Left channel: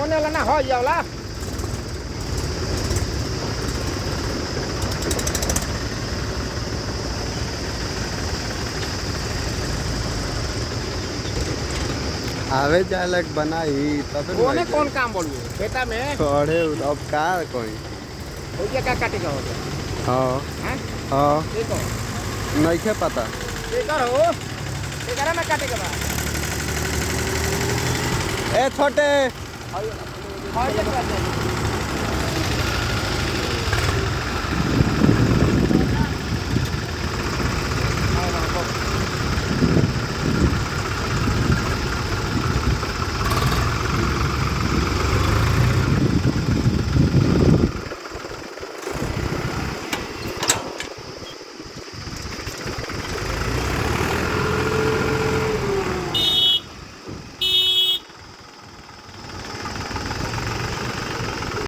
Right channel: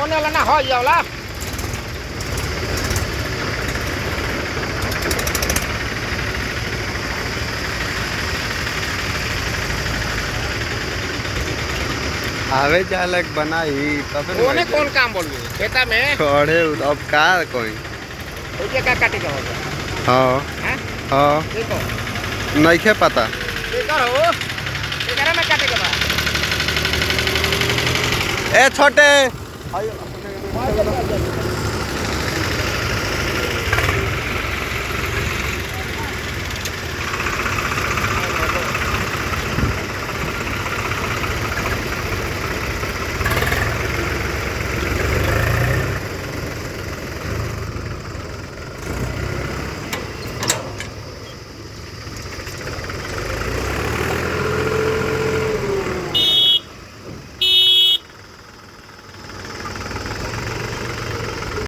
ओने वाला ना हो जावला आवे जालक बनाई तब न ओने कौन काम बोलबे खेता में खड़े अब का कोई ओजे का काटे के हां हैं हां देखो नहीं खे पता देखो हो एकरा में काटे के बा ए छोटे